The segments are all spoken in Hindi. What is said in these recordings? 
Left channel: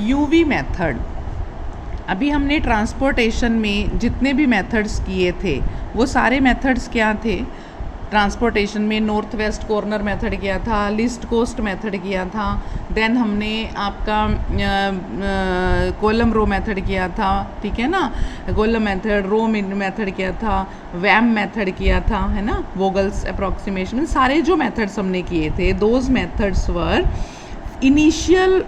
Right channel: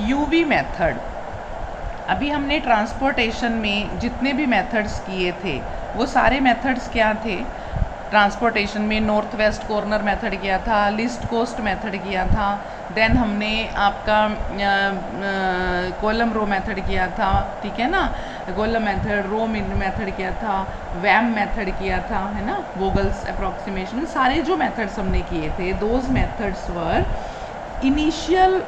UV method. अभी हमने ट्रांसपोर्टेशन में जितने भी मेथड्स किए थे वो सारे मेथड्स क्या थे? ट्रांसपोर्टेशन में नॉर्थ वेस्ट कॉर्नर मेथड किया था, लीस्ट कोस्ट मेथड किया था, देन हमने आपका कॉलम रो मेथड किया था, ठीक है ना, कॉलम मेथड, रो मेथड किया था, वैम मेथड किया था, है ना, वोगल्स अप्रॉक्सीमेशन, सारे जो मेथड्स हमने किए थे those methods were initial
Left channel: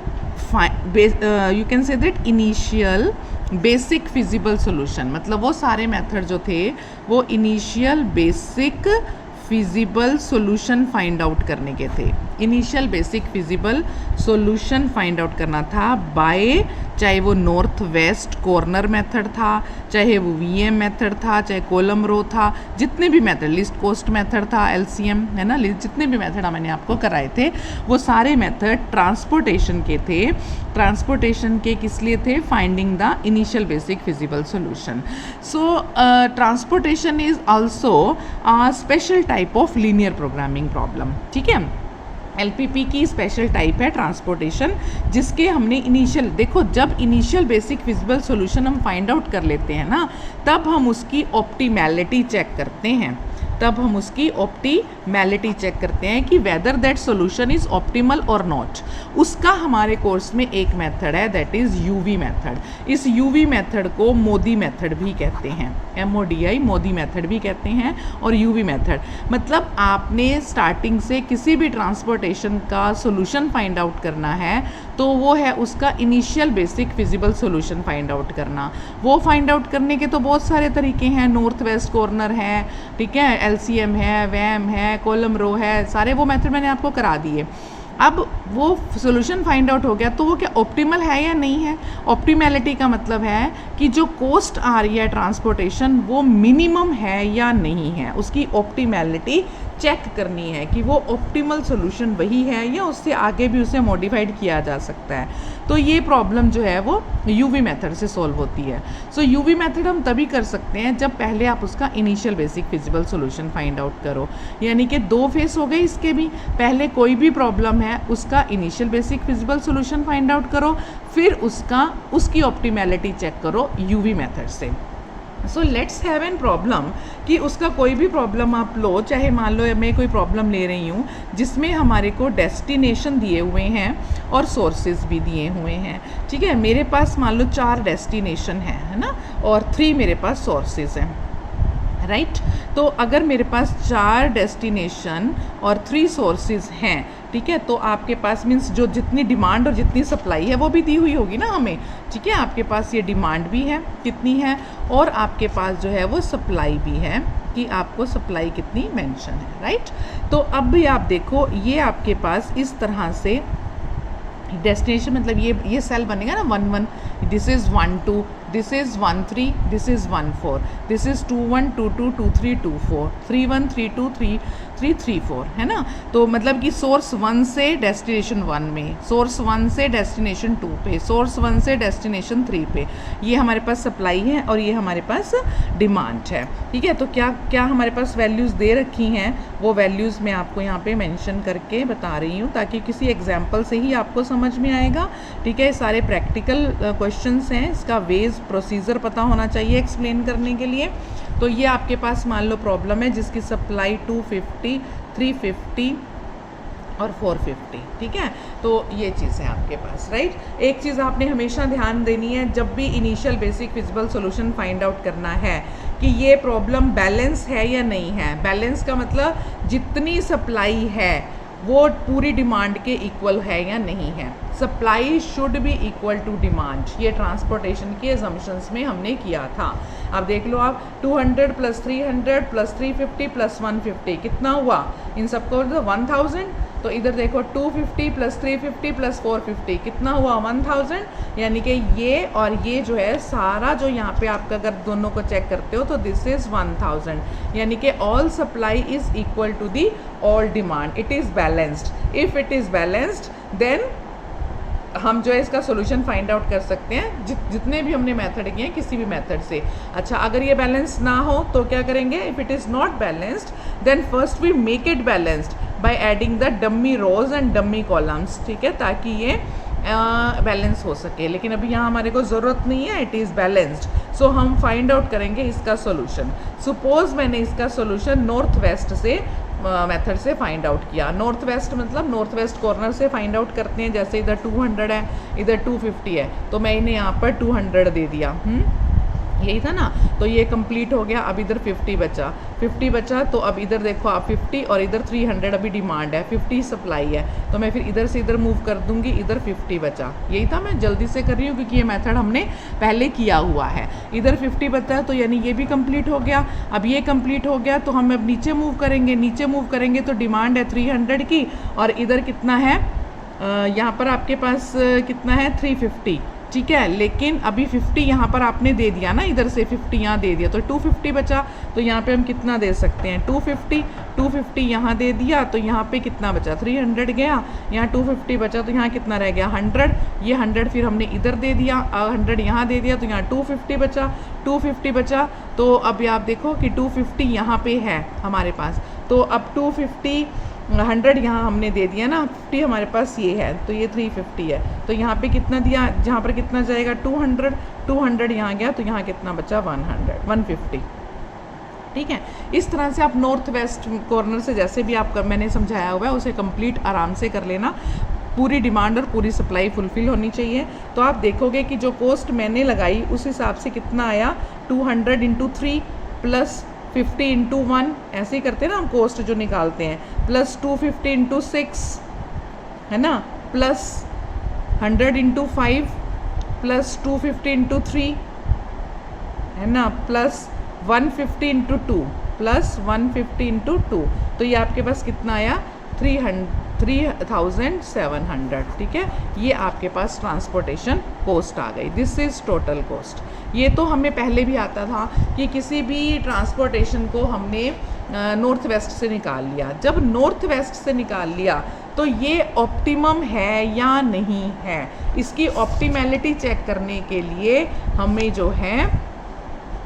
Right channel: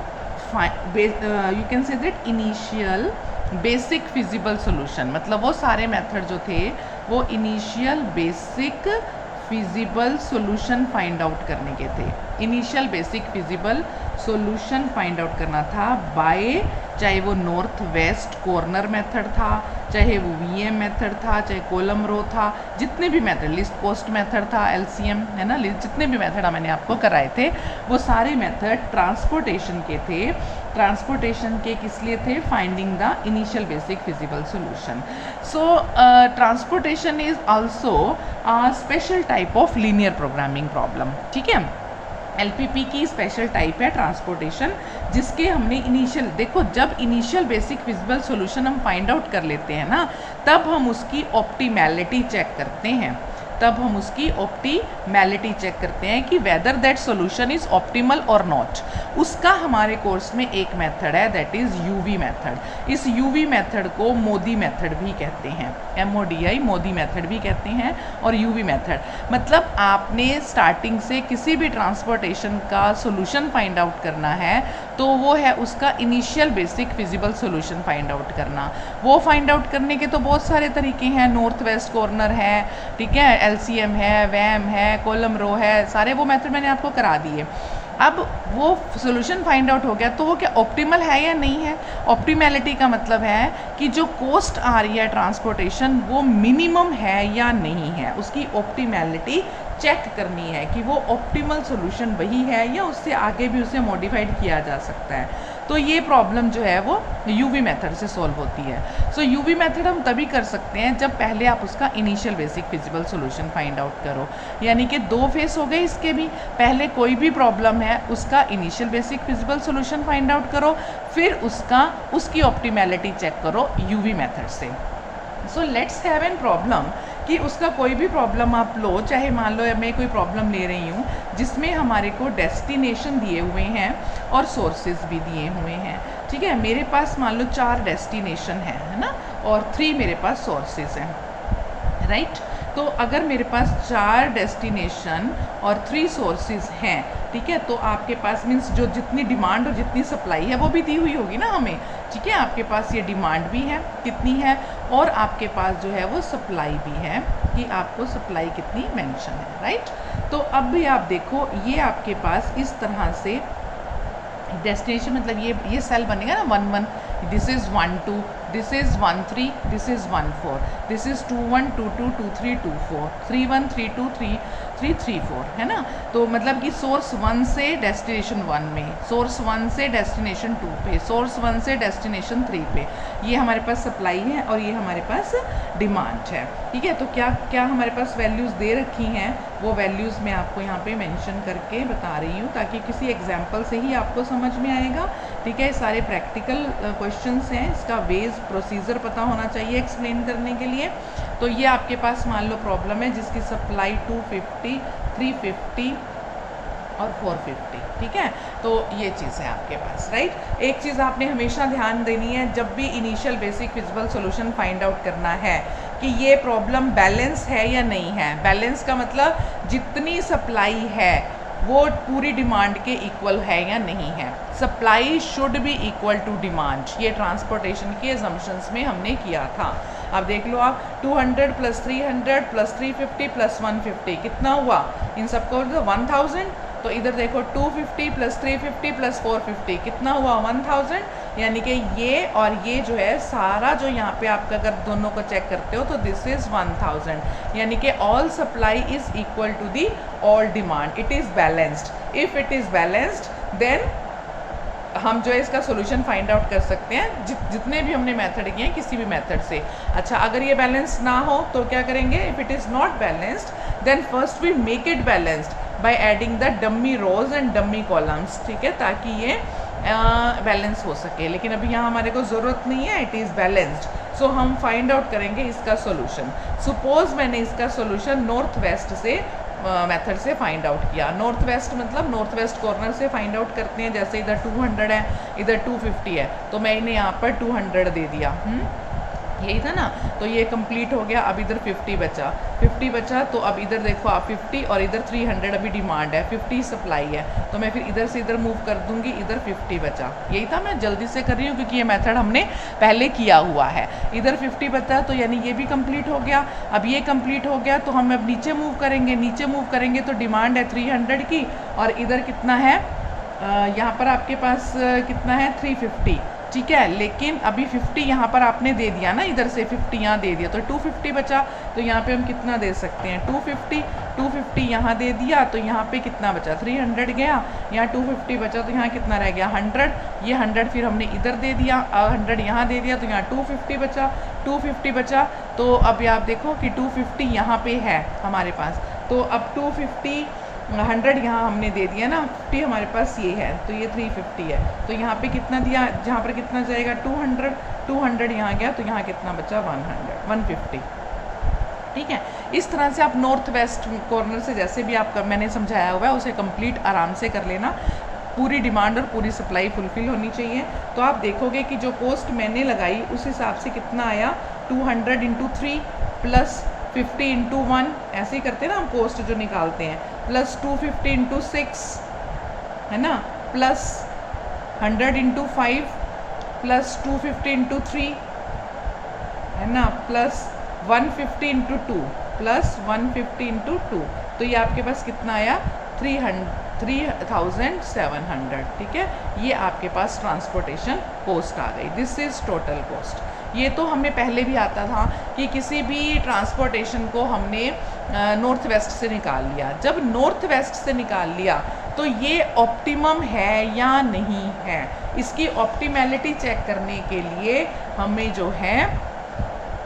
you can say that initial basic feasible solution. मतलब वो सारे मेथड जो थे वो initial basic feasible solution find out करने के थे। Initial basic feasible solution find out करना था बाय, चाहे वो नॉर्थ वेस्ट कॉर्नर मेथड था, चाहे वो वीएम मेथड था, चाहे कॉलम रो था, जितने भी मेथड, लिस्ट कोस्ट मेथड था, एलसीएम, है ना, जितने भी मेथड मैंने आपको कराए थे वो सारे मेथड ट्रांसपोर्टेशन के थे। ट्रांसपोर्टेशन के किस लिए थे? Finding the initial basic feasible solution. So transportation is also a special type of linear programming problem, ठीक है। एलपीपी की स्पेशल टाइप है ट्रांसपोर्टेशन, जिसके हमने इनिशियल, देखो जब इनिशियल बेसिक फिजिबल सॉल्यूशन हम फाइंड आउट कर लेते हैं ना, तब हम उसकी ऑप्टिमैलिटी चेक करते हैं, तब हम उसकी ऑप्टिमैलिटी चेक करते हैं कि whether that solution is optimal और नॉट। उसका हमारे कोर्स में एक मेथड है, दैट इज यूवी मेथड। इस यूवी मेथड को मोदी मेथड भी कहते हैं, MODI, मोदी मेथड भी कहते हैं, और यूवी मेथड मतलब आपने स्टार्टिंग से किसी भी ट्रांसपोर्टेशन का सॉल्यूशन फाइंड आउट करना है तो वो है उसका initial basic feasible solution find out करना। वो फाइंड आउट करने के तो बहुत सारे तरीके हैं, नॉर्थ वेस्ट कॉर्नर है, ठीक है, एलसीएम है, वैम है, कॉलम रो है, सारे वो मेथड मैंने आपको करा दिए। अब वो सॉल्यूशन फाइंड आउट हो गया तो वो क्या ऑप्टिमल है या नहीं है? ऑप्टिमैलिटी का मतलब है कि जो कॉस्ट आ रही है ट्रांसपोर्टेशन वो मिनिमम है या नहीं है, उसकी ऑप्टिमैलिटी चेक करनी है कि वो ऑप्टिमल सॉल्यूशन वही है या उससे आगे भी उसे मॉडिफाइड किया जा सकता है। तो ये प्रॉब्लम जो है वो यूवी मेथड से सॉल्व होती है। सो यूवी मेथड हम तभी कर सकते हैं जब पहले आप उसका initial basic feasible solution find out करो, यानी कि दो फेस हो गए इसके भी। पहले कोई भी प्रॉब्लम है उसका initial basic feasible solution find out करो, फिर उसकी ऑप्टिमैलिटी चेक करो यूवी मेथड से। So let's have an problem कि उसका कोई भी प्रॉब्लम आप लो, चाहे मान लो मैं कोई प्रॉब्लम ले रही हूँ जिसमें हमारे को डेस्टिनेशन दिए हुए हैं और सोर्सेज भी दिए हुए हैं, ठीक है। मेरे पास मान लो 4 डेस्टिनेशन है ना, और 3 मेरे पास सोर्सेज हैं, राइट। तो अगर मेरे पास 4 डेस्टिनेशन और 3 सोर्सेज हैं, ठीक है, तो आपके पास मीन्स जो जितनी डिमांड और जितनी सप्लाई है वो भी दी हुई होगी ना हमें, ठीक है। आपके पास ये डिमांड भी है कितनी है, और आपके पास जो है वो सप्लाई भी है कि आपको सप्लाई कितनी मेंशन है, राइट। तो अब भी आप देखो ये आपके पास इस तरह से डेस्टिनेशन मतलब ये सेल बनेगा ना 1 1, this is 1 2, this is 1 3, this is 1 4, this is 2 1 2 2 2 3 2 4 3 1 3 2 3 3 3 4, है ना। तो मतलब कि सोर्स 1 से डेस्टिनेशन 1 में, सोर्स 1 से डेस्टिनेशन 2 पे, सोर्स 1 से डेस्टिनेशन 3 पे, ये हमारे पास सप्लाई है और ये हमारे पास डिमांड है, ठीक है। तो क्या क्या हमारे पास वैल्यूज़ दे रखी हैं, वो वैल्यूज़ मैं आपको यहाँ पे मेंशन करके बता रही हूँ ताकि किसी एग्जांपल से ही आपको समझ में आएगा, ठीक है। सारे प्रैक्टिकल क्वेश्चंस हैं, इसका वेज प्रोसीजर पता होना चाहिए एक्सप्लेन करने के लिए। तो ये आपके पास मान लो प्रॉब्लम है जिसकी सप्लाई 250, 350 और 450, ठीक है। तो ये चीज़ है आपके पास, राइट। एक चीज़ आपने हमेशा ध्यान देनी है जब भी initial basic feasible solution find out करना है कि ये प्रॉब्लम बैलेंस है या नहीं है। बैलेंस का मतलब जितनी सप्लाई है वो पूरी डिमांड के इक्वल है या नहीं है। Supply should be equal to demand, ये ट्रांसपोर्टेशन के असम्पशंस में हमने किया था। अब देख लो आप 200 + 300 + 350 + 150 कितना हुआ, इन सबको 1000। तो इधर देखो 250 + 350 + 450 कितना हुआ 1000, यानी कि ये और ये जो है सारा जो यहाँ पे आपका अगर दोनों को चेक करते हो तो दिस इज़ 1000, यानी कि all supply is equal to the all demand, it is balanced. If it is balanced then हम जो है इसका सॉल्यूशन फाइंड आउट कर सकते हैं जितने भी हमने मेथड किए हैं किसी भी मेथड से। अच्छा, अगर ये बैलेंस ना हो तो क्या करेंगे, if it is not balanced then first we make it balanced by adding the dummy rows and dummy columns, ठीक है, ताकि ये बैलेंस हो सके, लेकिन अभी यहाँ हमारे को ज़रूरत नहीं है, इट इज़ बैलेंस्ड। सो हम फाइंड आउट करेंगे इसका सोल्यूशन। सपोज मैंने इसका सोल्यूशन नॉर्थ वेस्ट से मेथड से फाइंड आउट किया। नॉर्थ वेस्ट मतलब नॉर्थ वेस्ट कॉर्नर से फाइंड आउट करते हैं। जैसे इधर 200 है, इधर 250 है, तो मैंने यहाँ पर 200 दे दिया, यही था ना। तो ये कंप्लीट हो गया। अब इधर 50 बचा, 50 बचा, तो अब इधर देखो आप 50 और इधर 300 अभी डिमांड है, 50 सप्लाई है, तो मैं फिर इधर से इधर मूव कर दूंगी, इधर 50 बचा। यही था, मैं जल्दी से कर रही हूँ क्योंकि ये मेथड हमने पहले किया हुआ है। इधर 50 बचा, तो यानी ये भी कंप्लीट हो गया। अब ये कंप्लीट हो गया तो हम अब नीचे मूव करेंगे, नीचे मूव करेंगे तो डिमांड है 300 की, और इधर कितना है, यहाँ पर आपके पास कितना है 350, ठीक है। लेकिन अभी 50 यहाँ पर आपने दे दिया ना, इधर से 50 यहाँ दे दिया, तो 250 बचा। तो यहाँ पे हम कितना दे सकते हैं 250 यहाँ दे दिया, तो यहाँ पे कितना बचा 300 गया, यहाँ 250 बचा, तो यहाँ कितना रह गया 100। ये 100 फिर हमने इधर दे दिया, 100 यहाँ दे दिया, तो यहाँ 250 बचा। तो अब आप देखो कि 250 यहाँ पे है हमारे पास, तो अब 250 100 यहाँ हमने दे दिया ना, 50 हमारे पास ये है, तो ये 350 है। तो यहाँ पे कितना दिया, जहाँ पर कितना जाएगा 200 यहाँ गया, तो यहाँ कितना बचा 150, ठीक है। इस तरह से आप नॉर्थ वेस्ट कॉर्नर से जैसे भी आपका मैंने समझाया हुआ है उसे कंप्लीट आराम से कर लेना। पूरी डिमांड और पूरी सप्लाई फुलफिल होनी चाहिए। तो आप देखोगे कि जो कॉस्ट मैंने लगाई उस हिसाब से कितना आया, 200 × 3 प्लस 50 × 1, ऐसे ही करते हैं ना हम कॉस्ट जो निकालते हैं, प्लस 250 × 6 है ना, प्लस 100 × 5 प्लस 250 × 3 है ना, प्लस 150 × 2 प्लस 150 × 2, तो ये आपके पास कितना आया 3700, ठीक है। ये आपके पास ट्रांसपोर्टेशन कॉस्ट आ गई। This is total cost. ये तो हमें पहले भी आता था कि किसी भी ट्रांसपोर्टेशन को हमने नॉर्थ वेस्ट से निकाल लिया। जब नॉर्थ वेस्ट से निकाल लिया तो ये ऑप्टिमम है या नहीं है, इसकी ऑप्टिमैलिटी चेक करने के लिए हमें जो है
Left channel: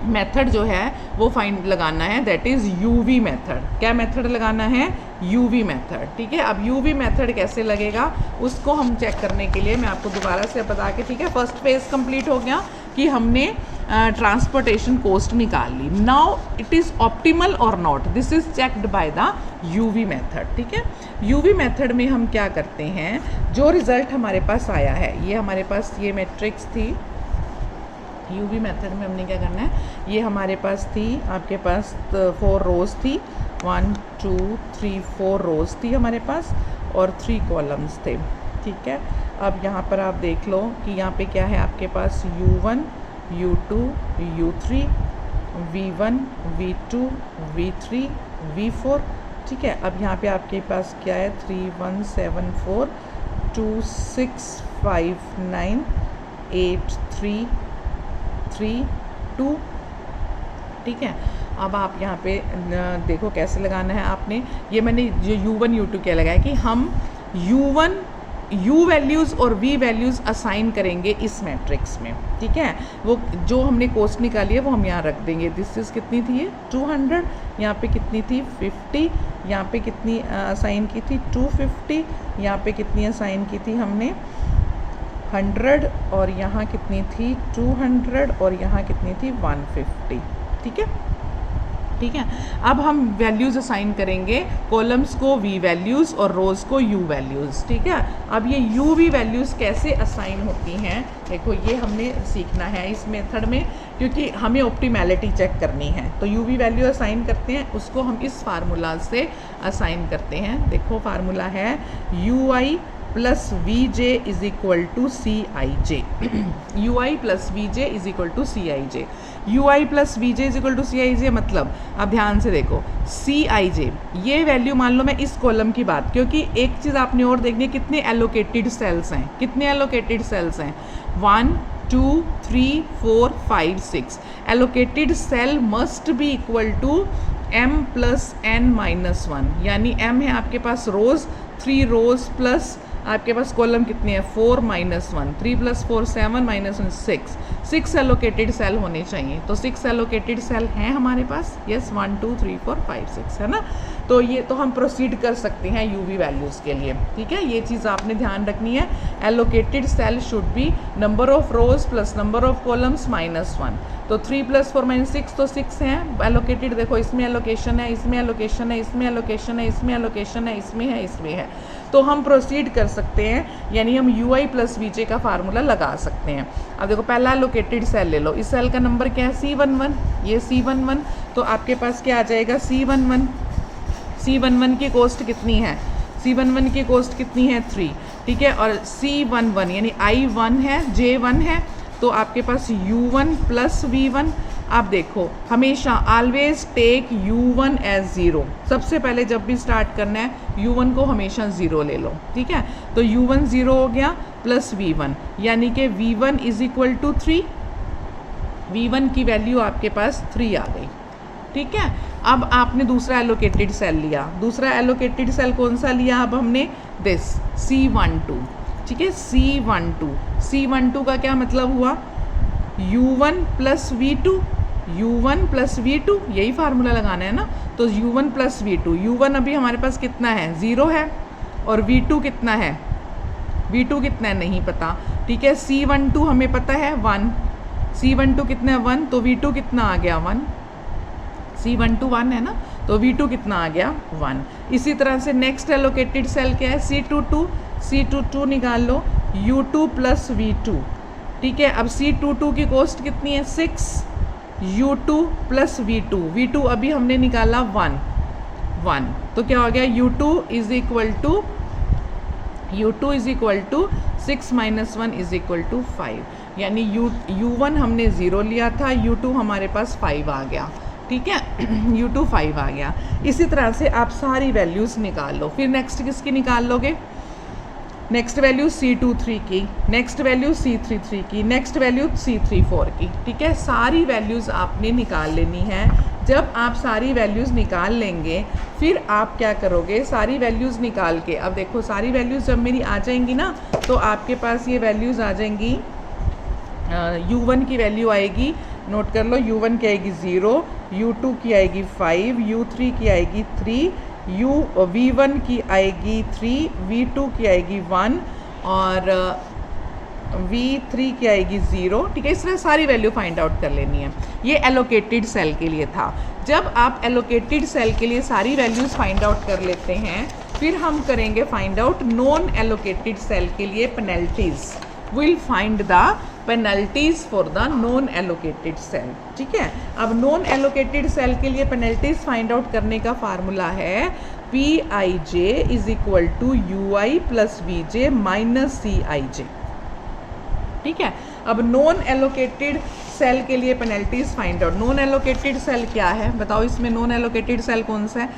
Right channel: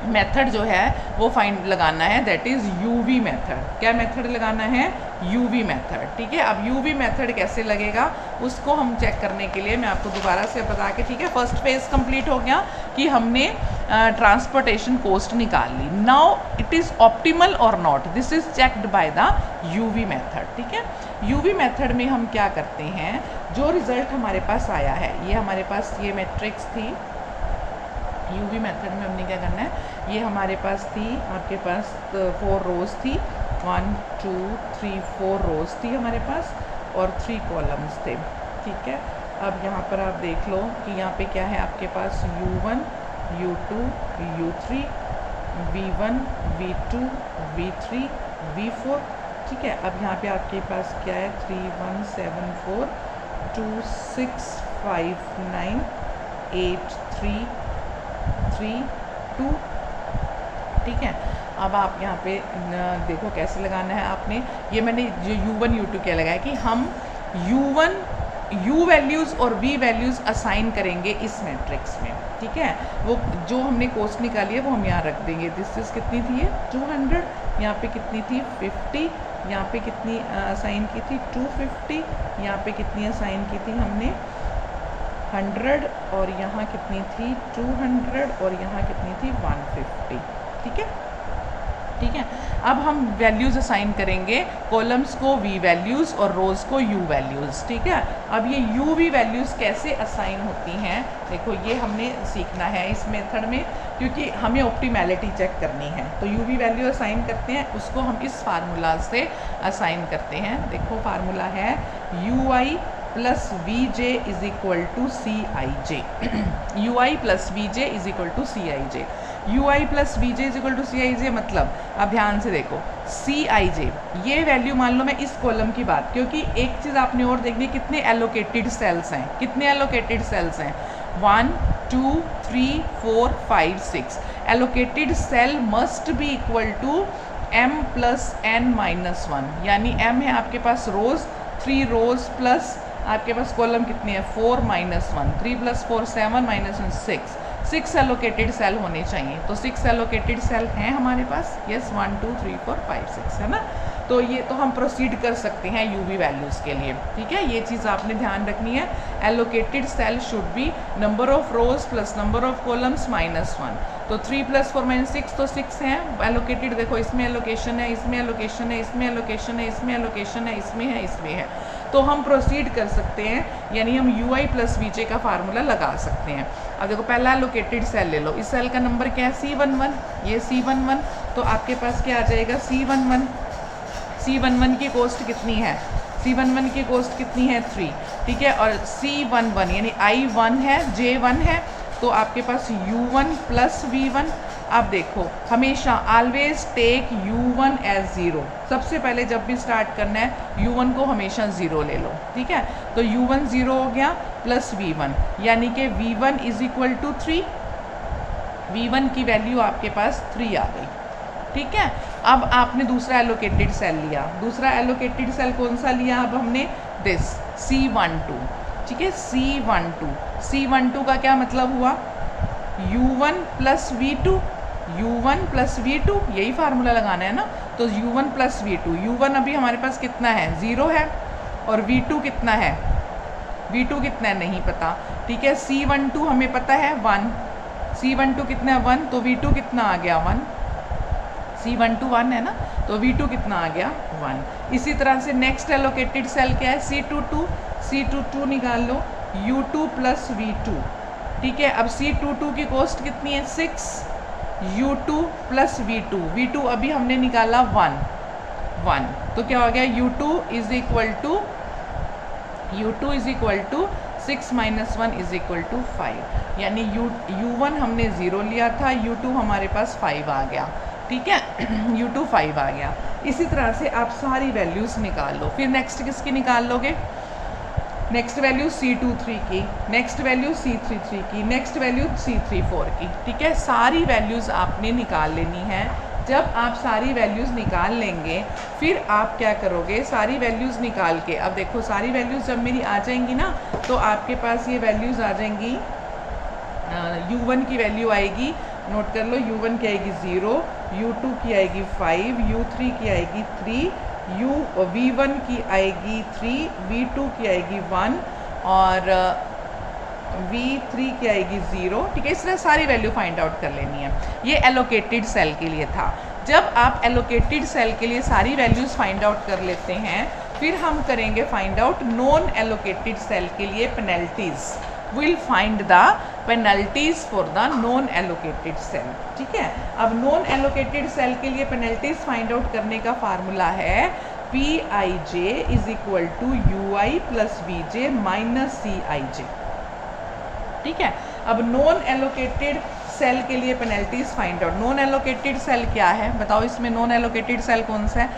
मेथड जो है वो फाइंड लगाना है, दैट इज़ यूवी मेथड। क्या मेथड लगाना है, यूवी मेथड, ठीक है। अब यूवी मेथड कैसे लगेगा उसको हम चेक करने के लिए मैं आपको दोबारा से बता के, ठीक है, फर्स्ट फेज कंप्लीट हो गया कि हमने ट्रांसपोर्टेशन कॉस्ट निकाल ली। नाउ इट इज़ ऑप्टिमल और not, this is checked by the UV method, ठीक है। यूवी मेथड में हम क्या करते हैं, जो रिज़ल्ट हमारे पास आया है, ये हमारे पास ये मैट्रिक्स थी। यूवी मेथड में हमने क्या करना है, ये हमारे पास थी, आपके पास 4 रोज़ थी, 1 2 3 4 रोज़ थी हमारे पास और 3 कॉलम्स थे, ठीक है। अब यहाँ पर आप देख लो कि यहाँ पे क्या है आपके पास U1 U2 U3 V1 V2 V3 V4, ठीक है। अब यहाँ पे आपके पास क्या है 3 1 7 4 2 6 5 9 8 3 3 2, ठीक है। अब आप यहाँ पे देखो कैसे लगाना है आपने, ये मैंने जो U1 U2 क्या लगाया कि हम U1 U वैल्यूज़ और V वैल्यूज़ असाइन करेंगे इस मैट्रिक्स में, ठीक है। वो जो हमने कॉस्ट निकाली है वो हम यहाँ रख देंगे। दिस इज़ कितनी थी ये 200, यहाँ पे कितनी थी 50, यहाँ पे कितनी असाइन की थी 250, यहाँ पे कितनी असाइन की थी हमने 100, और यहाँ कितनी थी 200, और यहाँ कितनी थी 150, ठीक है, ठीक है। अब हम वैल्यूज़ असाइन करेंगे, कॉलम्स को V वैल्यूज़ और रोज़ को U वैल्यूज़, ठीक है। अब ये U V वैल्यूज़ कैसे असाइन होती हैं, देखो ये हमने सीखना है इस मेथड में, क्योंकि हमें ऑप्टिमैलिटी चेक करनी है। तो U V वैल्यू असाइन करते हैं, उसको हम इस फार्मूला से असाइन करते हैं। देखो फार्मूला है UI plus VJ is equal to CIJ, UI plus VJ is equal to CIJ। UI plus VJ is equal to CIJ मतलब, अब ध्यान से देखो CIJ ये वैल्यू मान लो मैं इस कॉलम की बात, क्योंकि एक चीज़ आपने और देखनी है कितने एलोकेटेड सेल्स हैं, कितने एलोकेटेड सेल्स हैं 1 2 3 4 5 6। Allocated cell must be equal to M plus N minus 1, यानी M है आपके पास रोज़, 3 रोज़ प्लस आपके पास कॉलम कितने हैं 4 minus 1, 3 plus 4 7 minus 1 6 allocated cell होने चाहिए। तो 6 एलोकेटेड सेल हैं हमारे पास, यस 1 2 3 4 5 6 है ना। तो ये तो हम प्रोसीड कर सकते हैं यूवी वैल्यूज़ के लिए, ठीक है। ये चीज़ आपने ध्यान रखनी है। Allocated cell should be number of rows plus number of columns -1। तो 3 + 4 - 6 तो 6 हैं एलोकेटेड। देखो इसमें एलोकेशन है, इसमें एलोकेशन है, इसमें एलोकेशन है, इसमें एलोकेशन है, इसमें है, इसमें है। तो हम प्रोसीड कर सकते हैं, यानी हम UI + VJ का फार्मूला लगा सकते हैं। अब देखो पहला एलोकेटेड सेल ले लो, इस सेल का नंबर क्या है C11, ये C11। तो आपके पास क्या आ जाएगा C11। C11 की कॉस्ट कितनी है, C11 की कॉस्ट कितनी है 3, ठीक है। और C11 यानी I1 है, J1 है, तो आपके पास U1 + V1। आप देखो हमेशा ऑलवेज टेक U1 एज 0। सबसे पहले जब भी स्टार्ट करना है U1 को हमेशा 0 ले लो, ठीक है। तो U1 0 हो गया प्लस V1, यानी कि V1 = 3। V1 की वैल्यू आपके पास 3 आ गई, ठीक है। अब आपने दूसरा एलोकेटेड सेल लिया। दूसरा एलोकेटेड सेल कौन सा लिया अब हमने, दिस C12, ठीक है। C12 का क्या मतलब हुआ, U1 + V2, U1 + V2, यही फार्मूला लगाना है ना। तो U1 + V2, U1 अभी हमारे पास कितना है 0 है, और V2 कितना है, V2 कितना है नहीं पता, ठीक है। C12 हमें पता है 1, C12 कितना है 1, तो V2 कितना आ गया 1, C12 1 है ना, तो V2 कितना आ गया 1। इसी तरह से नेक्स्ट एलोकेटेड सेल क्या है C22 निकाल लो, U2 + V2, ठीक है। अब C22 की कॉस्ट कितनी है 6, U2 + V2 अभी हमने निकाला 1, तो क्या हो गया U2 = 6 - 1 = 5, यानी U1 हमने 0 लिया था, U2 हमारे पास 5 आ गया, ठीक है। U2 5 आ गया। इसी तरह से आप सारी वैल्यूज़ निकाल लो। फिर नेक्स्ट किसकी निकाल लोगे, नेक्स्ट वैल्यू C23 की, नेक्स्ट वैल्यू C33 की, नेक्स्ट वैल्यू C34 की, ठीक है। सारी वैल्यूज़ आपने निकाल लेनी है। जब आप सारी वैल्यूज़ निकाल लेंगे फिर आप क्या करोगे, सारी वैल्यूज़ निकाल के, अब देखो सारी वैल्यूज़ जब मेरी आ जाएंगी ना, तो आपके पास ये वैल्यूज़ आ जाएंगी। U1 की वैल्यू आएगी, नोट कर लो, U1 की आएगी 0, U2 की आएगी 5, U3 की आएगी 3, V1 की आएगी 3, V2 की आएगी 1, और V3 की आएगी 0, ठीक है। इस तरह सारी वैल्यू फाइंड आउट कर लेनी है। ये एलोकेटेड सेल के लिए था। जब आप एलोकेटेड सेल के लिए सारी वैल्यूज़ फाइंड आउट कर लेते हैं, फिर हम करेंगे find out non allocated cell के लिए penalties. Will find the penalties for the non allocated cell, ठीक है। अब नॉन एलोकेटेड सेल के लिए पेनल्टीज़ फाइंड आउट करने का फार्मूला है Pij = UI + Vj - Cij, ठीक है। अब नॉन एलोकेटेड सेल के लिए penalties find out. Non allocated cell क्या है बताओ, इसमें नॉन एलोकेटेड सेल कौन सा है,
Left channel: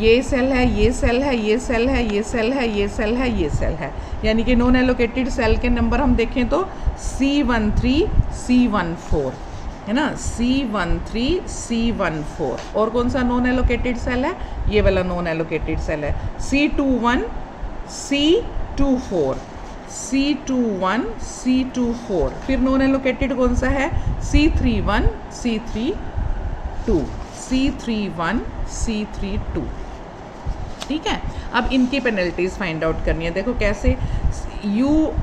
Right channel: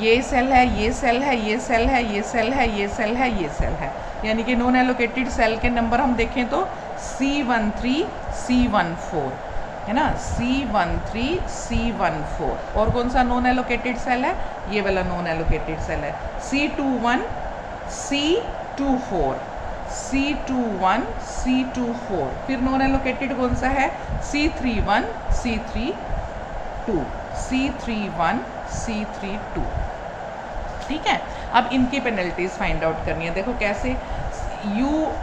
ये सेल है, ये सेल है, ये सेल है, ये सेल है, ये सेल है, ये सेल है। यानी कि नॉन एलोकेटेड सेल के नंबर हम देखें तो C13 C14 है ना, C13 C14। और कौन सा नॉन एलोकेटेड सेल है, ये वाला नॉन एलोकेटेड सेल है C21 C24 C21 C24। फिर नॉन एलोकेटेड कौन सा है C31 C32 C31 C32, ठीक है। अब इनकी पेनल्टीज़ फाइंड आउट करनी है। देखो कैसे,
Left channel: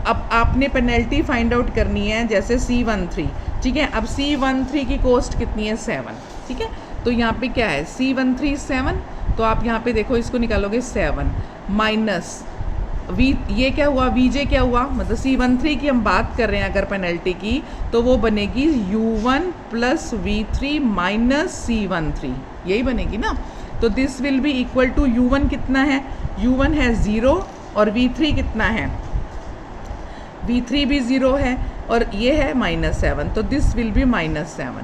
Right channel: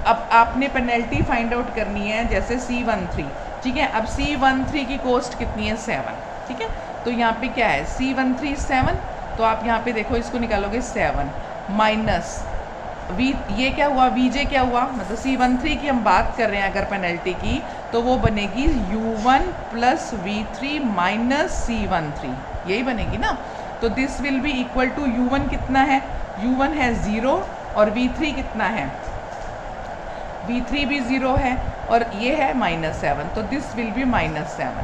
अब आपने पेनल्टी फाइंड आउट करनी है जैसे C13, ठीक है। अब C13 की कॉस्ट कितनी है 7, ठीक है। तो यहाँ पे क्या है C13 7, तो आप यहाँ पे देखो इसको निकालोगे 7 माइनस ये क्या हुआ VJ क्या हुआ, मतलब C13 की हम बात कर रहे हैं अगर पेनल्टी की, तो वो बनेगी U1 + V3 - C13, यही बनेगी ना। तो this will be equal to U1 कितना है, U1 है 0, और V3 कितना है, V3 भी 0 है, और ये है -7, तो दिस विल बी -7,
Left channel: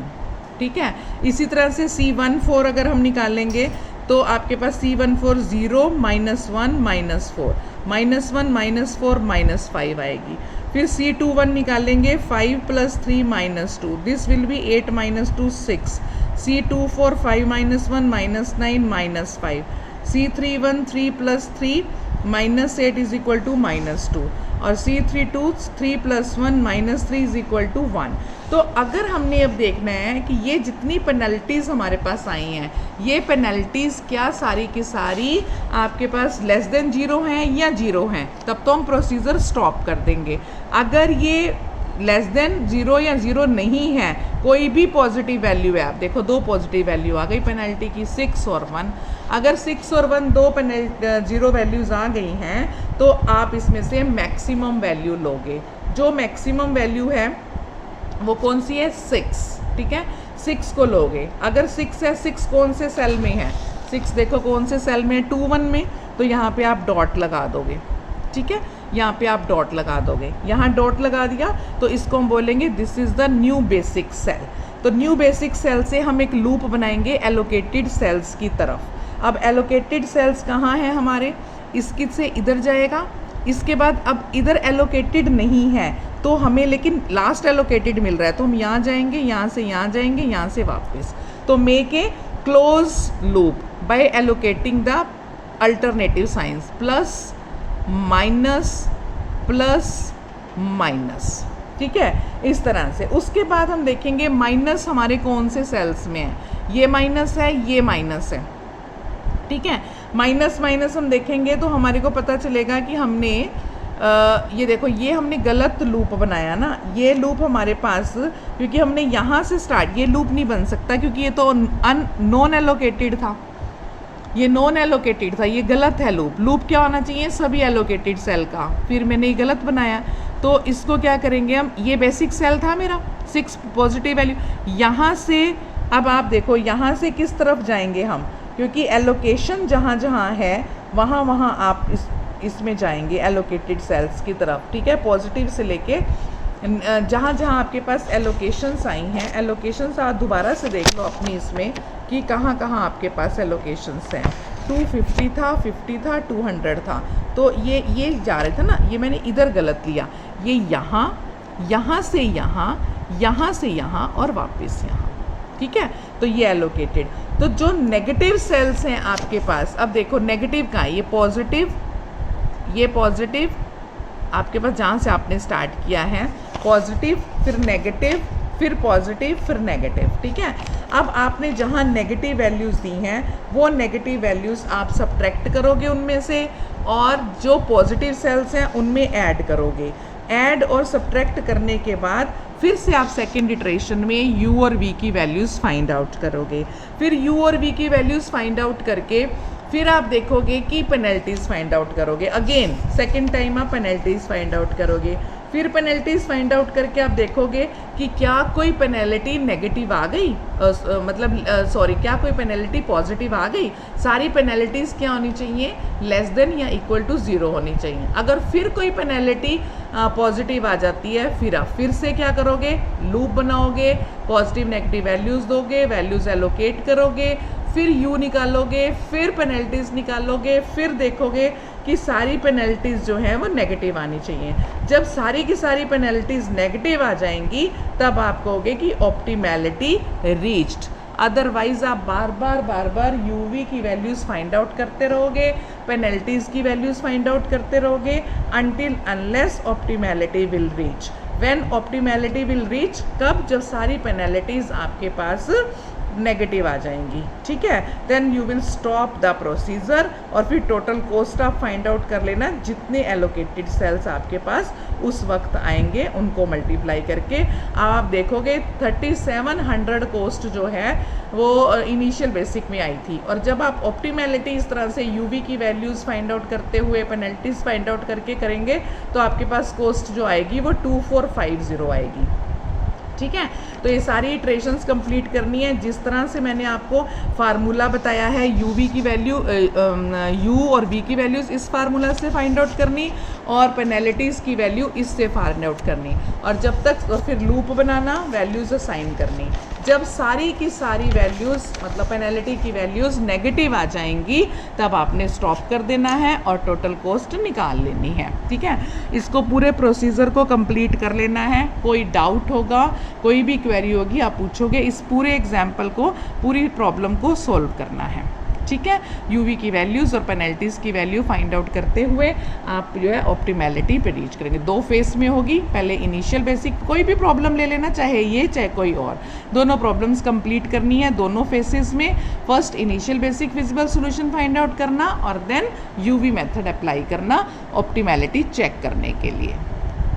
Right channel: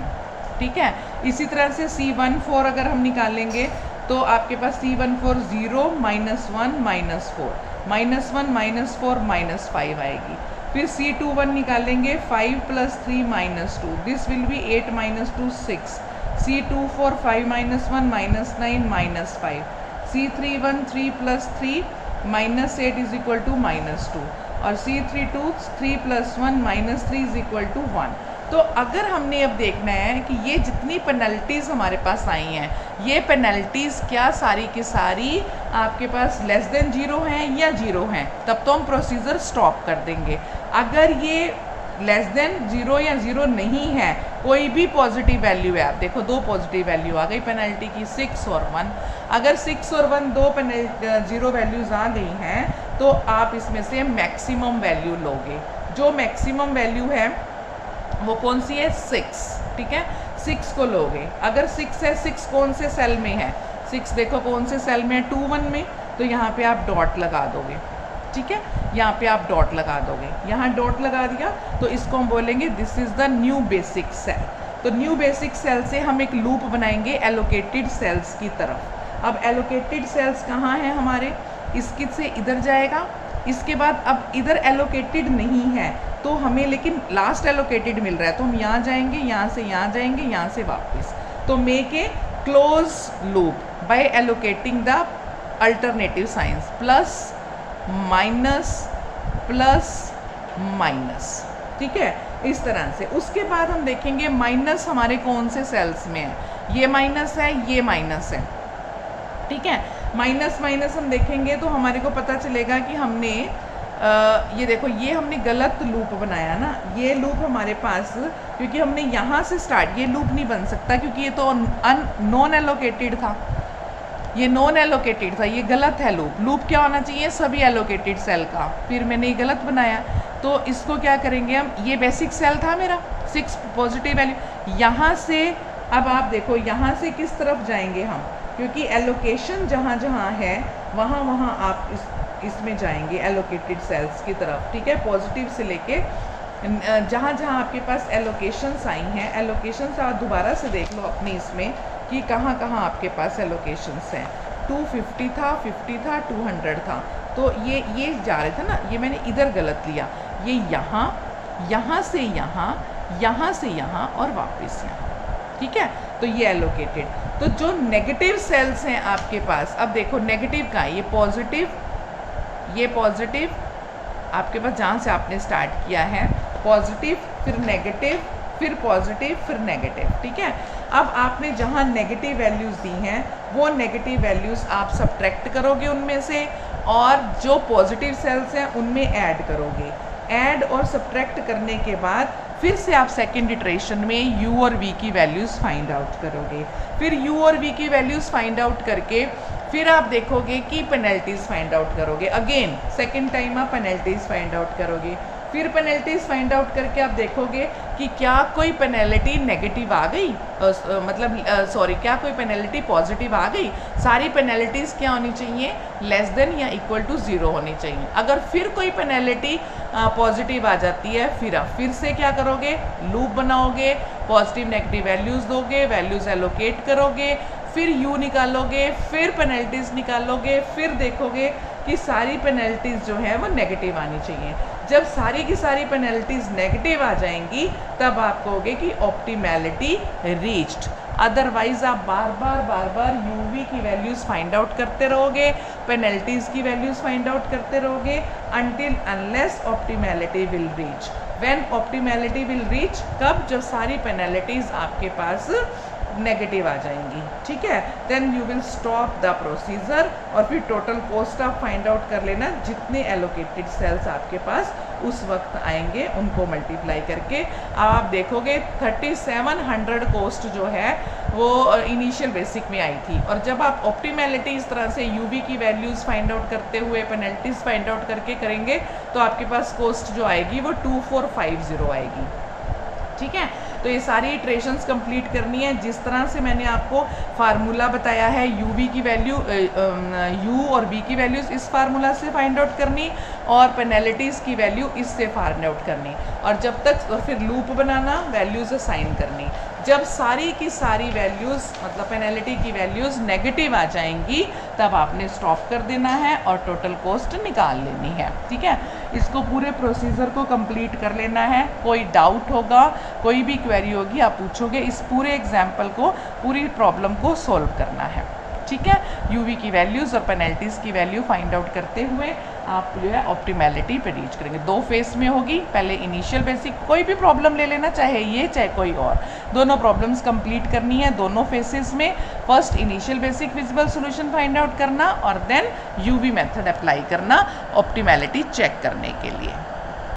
ठीक है। इसी तरह से C14 अगर हम निकालेंगे तो आपके पास C14 0 -1 -4 -1 -4 -5 आएगी। फिर C21 निकालेंगे 5 + 3 - 2, this will B 8 - 2 6। C24 5 - 1 -9 -5। C31 3 + 3 -8 is equal to -2 और C32 3 + 1 -3 इज इक्वल टू 1। तो अगर हमने अब देखना है कि ये जितनी पेनल्टीज़ हमारे पास आई हैं, ये पेनल्टीज़ क्या सारी की सारी आपके पास लेस देन 0 हैं या 0 हैं, तब तो हम प्रोसीजर स्टॉप कर देंगे। अगर ये लेस देन 0 या 0 नहीं है, कोई भी पॉजिटिव वैल्यू है, आप देखो 2 पॉजिटिव वैल्यू आ गई पेनल्टी की, 6 और 1। अगर 6 और 1 दो 0 वैल्यूज़ आ गई हैं तो आप इसमें से मैक्सिमम वैल्यू लोगे। जो मैक्सिमम वैल्यू है वो कौन सी है? 6, ठीक है, 6 को लोगे। अगर 6 है, 6 कौन से सेल में है? 6 देखो कौन से सेल में है? 2 1 में, तो यहाँ पे आप डॉट लगा दोगे, ठीक है, यहाँ पे आप डॉट लगा दोगे। यहाँ डॉट लगा दिया तो इसको हम बोलेंगे this is the new basic cell. तो न्यू बेसिक सेल से हम एक लूप बनाएंगे एलोकेटेड सेल्स की तरफ। अब एलोकेटेड सेल्स कहाँ हैं हमारे? इसकी से इधर जाएगा, इसके बाद अब इधर एलोकेटेड नहीं है तो हमें लेकिन लास्ट एलोकेटेड मिल रहा है, तो हम यहाँ जाएंगे, यहाँ से यहाँ जाएंगे, यहाँ से वापस। तो make a close loop by allocating the alternative signs plus minus plus minus, ठीक है, इस तरह से। उसके बाद हम देखेंगे माइनस हमारे कौन से सेल्स में है। ये माइनस है, ये माइनस है, ठीक है। माइनस माइनस हम देखेंगे तो हमारे को पता चलेगा कि हमने ये देखो ये हमने गलत लूप बनाया ना। ये लूप हमारे पास, क्योंकि हमने यहाँ से स्टार्ट, ये लूप नहीं बन सकता क्योंकि ये तो नॉन एलोकेटेड था, ये नॉन एलोकेटेड था, ये गलत है लूप। लूप क्या होना चाहिए? सभी एलोकेटेड सेल का। फिर मैंने ये गलत बनाया, तो इसको क्या करेंगे हम? ये बेसिक सेल था मेरा, 6 पॉजिटिव वैल्यू, यहाँ से अब आप देखो यहाँ से किस तरफ जाएंगे हम, क्योंकि एलोकेशन जहाँ जहाँ है वहाँ वहाँ आप इसमें जाएंगे एलोकेटेड सेल्स की तरफ, ठीक है। पॉजिटिव से लेके जहाँ जहाँ आपके पास एलोकेशंस आई हैं, एलोकेशंस आप दोबारा से देख लो अपनी इसमें कि कहाँ कहाँ आपके पास एलोकेशंस हैं। 250 था, 50 था, 200 था, तो ये जा रहे थे ना, ये मैंने इधर गलत लिया, ये यहाँ, यहाँ से यहाँ, यहाँ से यहाँ और वापस यहाँ, ठीक है। तो ये एलोकेटेड। तो जो नेगेटिव सेल्स हैं आपके पास, अब देखो नेगेटिव कहाँ है? ये पॉजिटिव, ये पॉजिटिव आपके पास जहाँ से आपने स्टार्ट किया है, पॉजिटिव फिर नेगेटिव फिर पॉजिटिव फिर नेगेटिव, ठीक है। अब आपने जहाँ नेगेटिव वैल्यूज़ दी हैं वो नेगेटिव वैल्यूज़ आप सब्ट्रैक्ट करोगे उनमें से, और जो पॉजिटिव सेल्स हैं उनमें ऐड करोगे। ऐड और सब्ट्रैक्ट करने के बाद फिर से आप सेकेंड इटरेशन में u और v की वैल्यूज़ फाइंड आउट करोगे। फिर u और v की वैल्यूज़ फाइंड आउट करके फिर आप देखोगे कि पेनल्टीज़ फाइंड आउट करोगे। अगेन सेकेंड टाइम आप पेनल्टीज़ फाइंड आउट करोगे। फिर पेनल्टीज़ फाइंड आउट करके आप देखोगे कि क्या कोई पेनल्टी नेगेटिव आ गई, क्या कोई पेनल्टी पॉजिटिव आ गई। सारी पेनल्टीज़ क्या होनी चाहिए? लेस देन या इक्वल टू 0 होनी चाहिए। अगर फिर कोई पेनल्टी पॉजिटिव आ जाती है, फिर आप फिर से क्या करोगे? लूप बनाओगे, पॉजिटिव नेगेटिव वैल्यूज़ दोगे, वैल्यूज़ एलोकेट करोगे, फिर u निकालोगे, फिर पेनल्टीज़ निकालोगे, फिर देखोगे कि सारी पेनल्टीज़ जो हैं वो नेगेटिव आनी चाहिए। जब सारी की सारी पेनल्टीज़ नेगेटिव आ जाएंगी तब आप कहोगे कि ऑप्टिमैलिटी रीच्ड। अदरवाइज़ आप बार बार uv की वैल्यूज़ फाइंड आउट करते रहोगे, पेनल्टीज़ की वैल्यूज़ फाइंड आउट करते रहोगे until unless optimality will reach. When optimality will reach, कब? जब सारी पेनल्टीज़ आपके पास नेगेटिव आ जाएंगी, ठीक है। Then you will stop the procedure और फिर टोटल कॉस्ट आप फाइंड आउट कर लेना। जितने एलोकेटेड सेल्स आपके पास उस वक्त आएंगे उनको मल्टीप्लाई करके आप देखोगे 3700 कॉस्ट जो है वो इनिशियल बेसिक में आई थी। और जब आप ऑप्टिमैलिटी इस तरह से यूवी की वैल्यूज़ फाइंड आउट करते हुए पेनल्टीज़ फाइंड आउट करके करेंगे तो आपके पास कॉस्ट जो आएगी वो 2450 आएगी, ठीक है। तो ये सारी इटरेशंस कंप्लीट करनी है जिस तरह से मैंने आपको फार्मूला बताया है। uv की वैल्यू u और v की वैल्यूज़ इस फार्मूला से फाइंड आउट करनी और पेनल्टीज़ की वैल्यू इससे फाइंड आउट करनी, और जब तक और फिर लूप बनाना, वैल्यूज़ असाइन करनी। जब सारी की सारी वैल्यूज़ मतलब पेनल्टी की वैल्यूज़ नेगेटिव आ जाएंगी तब आपने स्टॉप कर देना है और टोटल कॉस्ट निकाल लेनी है, ठीक है। इसको पूरे प्रोसीजर को कंप्लीट कर लेना है। कोई डाउट होगा, कोई भी क्वेरी होगी आप पूछोगे, इस पूरे एग्जाम्पल को, पूरी प्रॉब्लम को सॉल्व करना है। ठीक है। यूवी की वैल्यूज़ और पेनल्टीज़ की वैल्यू फाइंड आउट करते हुए आप जो है ऑप्टिमैलिटी पे रीच करेंगे। 2 फेस में होगी, पहले इनिशियल बेसिक, कोई भी प्रॉब्लम ले लेना, चाहे ये चाहे कोई और, दोनों प्रॉब्लम्स कंप्लीट करनी है दोनों फेसेस में। First initial basic visible solution find out करना और देन यूवी मेथड अप्लाई करना ऑप्टिमैलिटी चेक करने के लिए।